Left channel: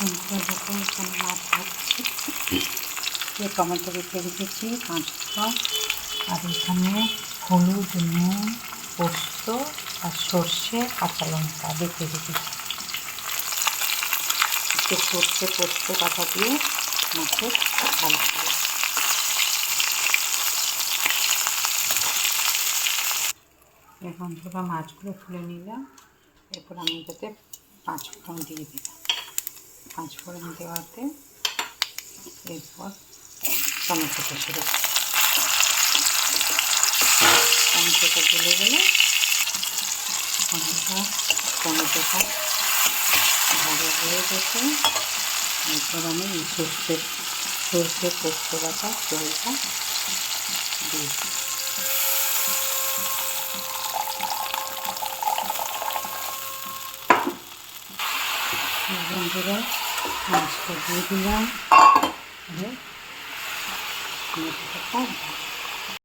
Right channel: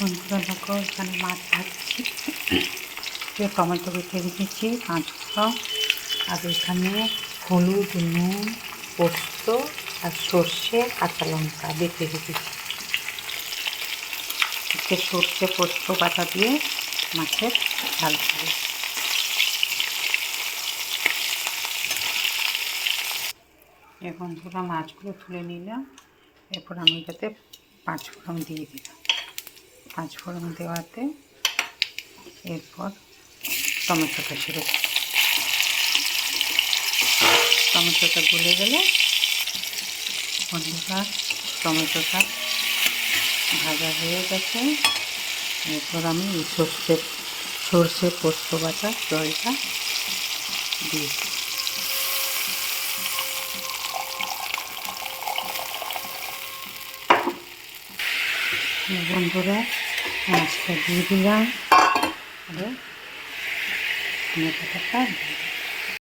বন্ধুরা দেখো এখানে মাছ ভাজছি, টমেটো কেটে রেখেছি, কাঁচকলা, আর এখানে হলুদ, নুন, পোস্ত আর সর্ষে, কাঁচা লঙ্কা বেটে রেখেছি। একটু সর্ষে পোস্ত বাটা দিয়ে মাছের ঝাল করব। এখন বন্ধুরা মাছগুলো তুলে নিলাম, এরপর আমি এটাতে 5 ফোড়ন দিয়ে দিলাম। 5 ফোড়ন দেওয়াতে এরপর টমেটোটা ছেড়ে দিই। টমেটোটা গলে গেলে বন্ধুরা টমেটোটা ভাজা হয়ে গেছে। এরপর আমি এই সর্ষে পোস্ত বাটা জলটা দিয়েছি। বন্ধুরা মাছটা দিয়ে দিলাম, আর টমেটোটা